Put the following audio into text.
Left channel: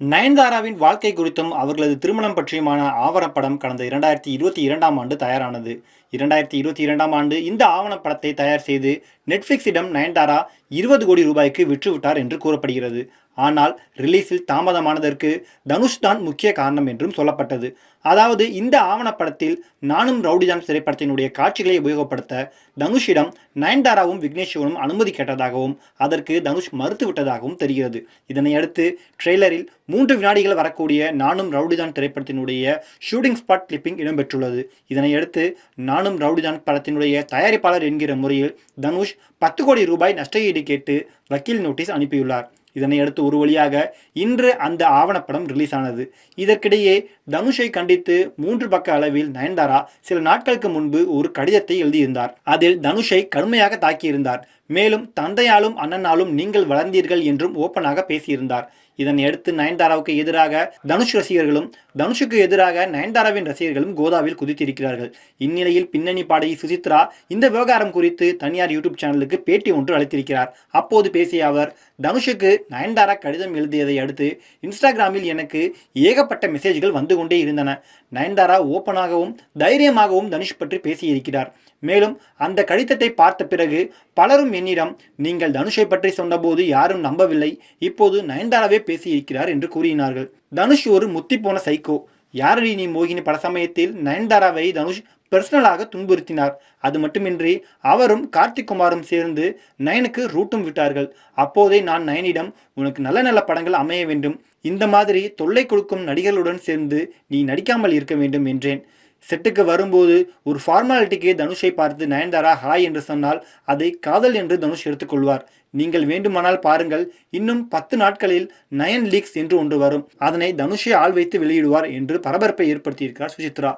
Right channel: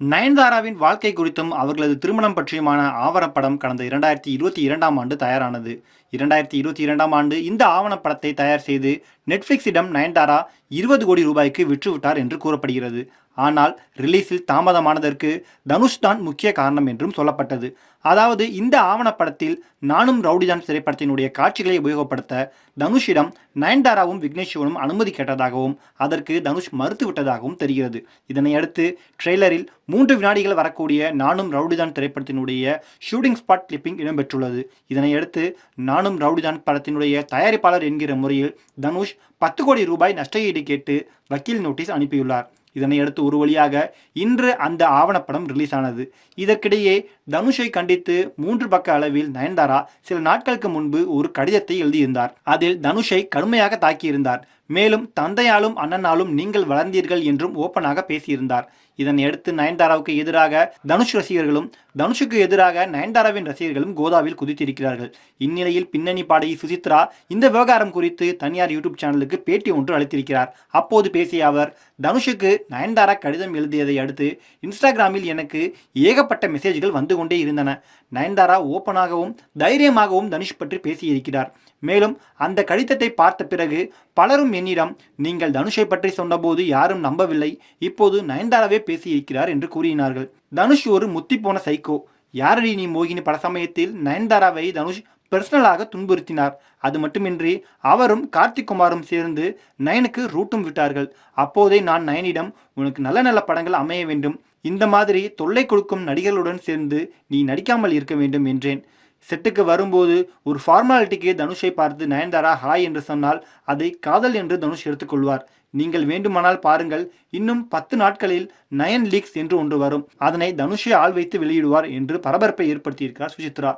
நயன்தாராவின் வாழ்க்கை குறித்தும் அவர்களது திருமணம் பற்றியுமான ஆவணப்படம் கடந்த 2022ஆம் ஆண்டு தயாரானது. 2022ஆம் ஆண்டு இந்த ஆவணப்படத்தை தயார் செய்து நெட்ஃபிளிக்ஸிடம் நயன்தாரா 20 கோடி ரூபாய்க்கு விற்றுவிட்டார் என்று கூறப்படுகிறது. ஆனால் ரிலீஸில் தாமதமானதற்கு தனுஷ் தான் முக்கிய காரணம் என்றும் சொல்லப்பட்டது. அதாவது இந்த ஆவணப்படத்தில் நானும் ரவுடிதான் திரைப்படத்தினுடைய காட்சிகளை உபயோகப்படுத்த தனுஷிடம் நயன்தாராவும் விக்னேஷுவனும் அனுமதி கேட்டதாகவும் அதற்கு தனுஷ் மறுத்துவிட்டதாகவும் தெரிகிறது. இதனையடுத்து ட்ரெய்லரில் 3 வினாடிகள் வரக்கூடிய நானும் ரவுடிதான் திரைப்படத்தினுடைய ஷூட்டிங் ஸ்பாட் கிளிப்பிங் இடம்பெற்றுள்ளது. இதனையடுத்து நானும் ரவுடிதான் படத்தினுடைய தயாரிப்பாளர் என்கிற முறையில் தனுஷ் 10 கோடி ரூபாய் நஷ்டஈடு கேட்டு வக்கீல் நோட்டீஸ் அனுப்பியுள்ளார். இதனையடுத்து ஒரு வழியாக இன்று அந்த ஆவணப்படம் ரிலீஸ் ஆனது. இதற்கிடையே தனுஷை கண்டித்து 3 பக்க அளவில் நயன்தாரா சில நாட்களுக்கு முன்பு ஒரு கடிதத்தை எழுதியிருந்தார். அதில் தனுஷை கடுமையாக தாக்கியிருந்தார். மேலும் தந்தையாலும் அண்ணனாலும் நீங்கள் வளர்ந்தீர்கள் என்றும் ஓப்பனாக பேசியிருந்தார். இதனையடுத்து நயன்தாராவுக்கு எதிராக தனுஷ் ரசிகர்களும் தனுஷுக்கு எதிராக நயன்தாராவின் ரசிகர்களும் கோதாவில் குதித்திருக்கிறார்கள். இந்நிலையில் பின்னணி பாடகி சுசித்ரா இந்த விவகாரம் குறித்து தனியார் யூடியூப் சேனலுக்கு பேட்டி ஒன்று அளித்திருக்கிறார். அப்போது பேசிய அவர், தனுஷுக்கு நயன்தாரா கடிதம் எழுதியதை அடுத்து இன்ஸ்டாகிராமில் எனக்கு ஏகப்பட்ட மெசேஜ்கள் வந்து கொண்டே இருந்தன. நயன்தாரா ஓப்பனாகவும் தைரியமாகவும் தனுஷ் பற்றி பேசியிருக்கிறார். மேலும் அந்த கடிதத்தை பார்த்த பிறகு பலரும் என்னிடம் நீங்கள் தனுஷை பற்றி சொன்னபோது யாரும் நம்பவில்லை, இப்போது நயன்தாராவே பேசியிருக்கிறார் என்று கூறினார்கள். தனுஷ் ஒரு முத்தி போன சைக்கோ. யாரடி நீ மோகினி பட சமயத்தில் நயன்தாராவை தனுஷ் பர்சனலாக துன்புறுத்தினார். அது மட்டுமின்றி அவரும் கார்த்திக் குமாரும் சேர்ந்து நயனுக்கு ரூட்டும் விட்டார்கள். அப்போதே நான் நயனிடம் உனக்கு நல்ல நல்ல படங்கள் அமைய வேண்டும், இந்த மாதிரி தொல்லை கொடுக்கும் நடிகர்களுடன் சேர்ந்து நீ நடிக்காமல் இருக்க வேண்டும் என்றேன். செட்டுக்கு வரும்போது ஒரு ஃபார்மாலிட்டிக்கு தனுஷை பார்த்து நயன்தாரா ஹாய் என்று சொன்னால் அதை காதல் என்று தனுஷ் எடுத்துக்கொள்வார். நீங்கள் வேண்டுமானால் பாருங்கள், இன்னும் 10 நாட்களில் நயன் லீக்ஸ் என்று ஒன்று வரும், அதனை தனுஷை ஆள் வைத்து வெளியிடுவார் என்று பரபரப்பை ஏற்படுத்தியிருக்கிறார் சுசித்ரா.